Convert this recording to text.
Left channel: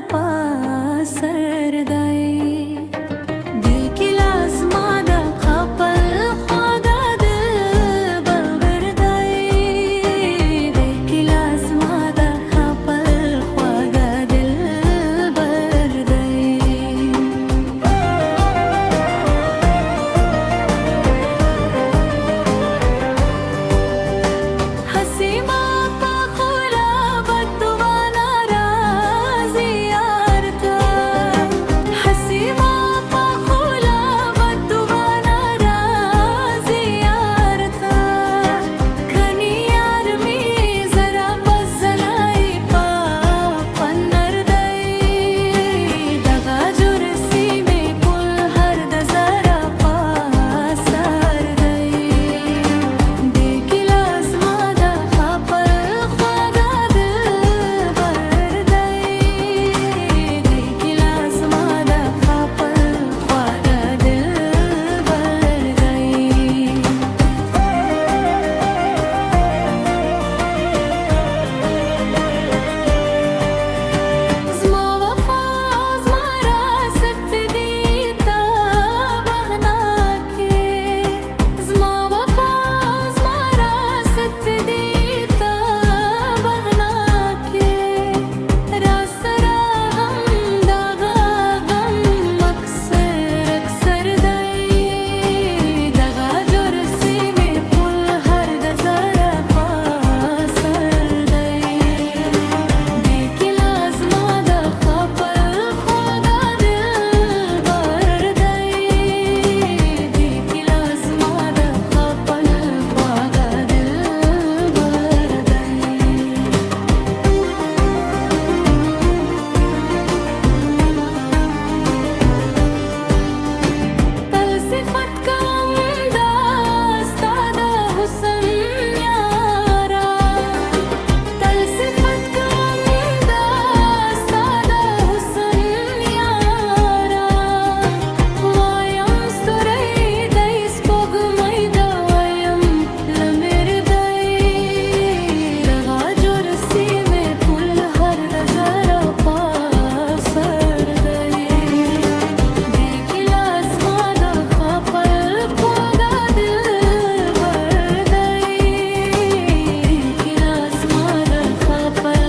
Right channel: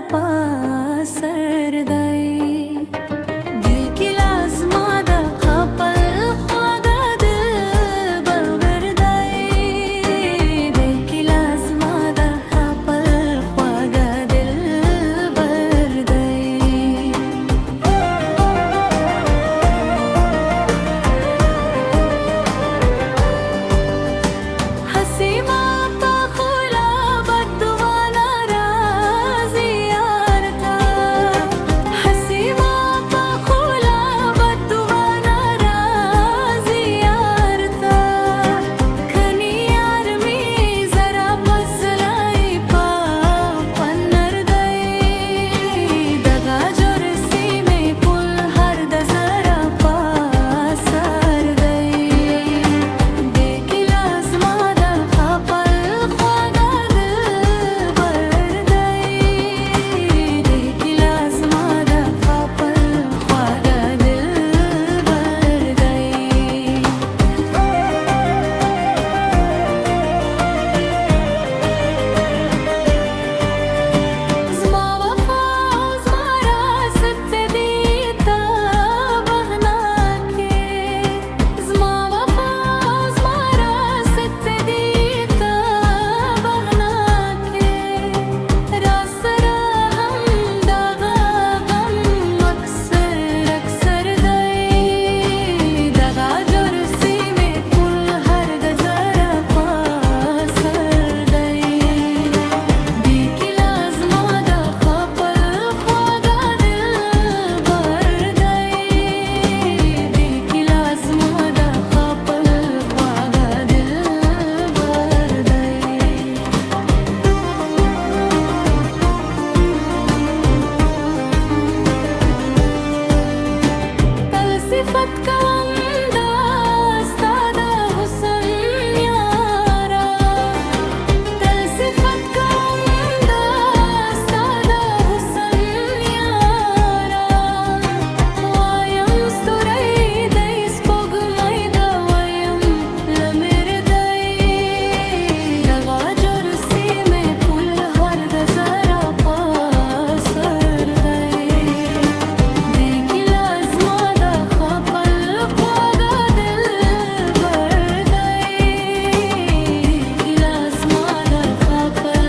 پاسر دی دل کی لازما د خپل خواږه دل بلبر دی دل کی لازما د خپل خواږه دل بر دی حسیما صفت کوم دا ستا د حسن یارا تل صفت کوم دا ستا د حسن یارا وایم ستوری دی سپوږمۍ دا وایم لمر دی دغه جور سیمې پل هر د زرا پاسر دی پر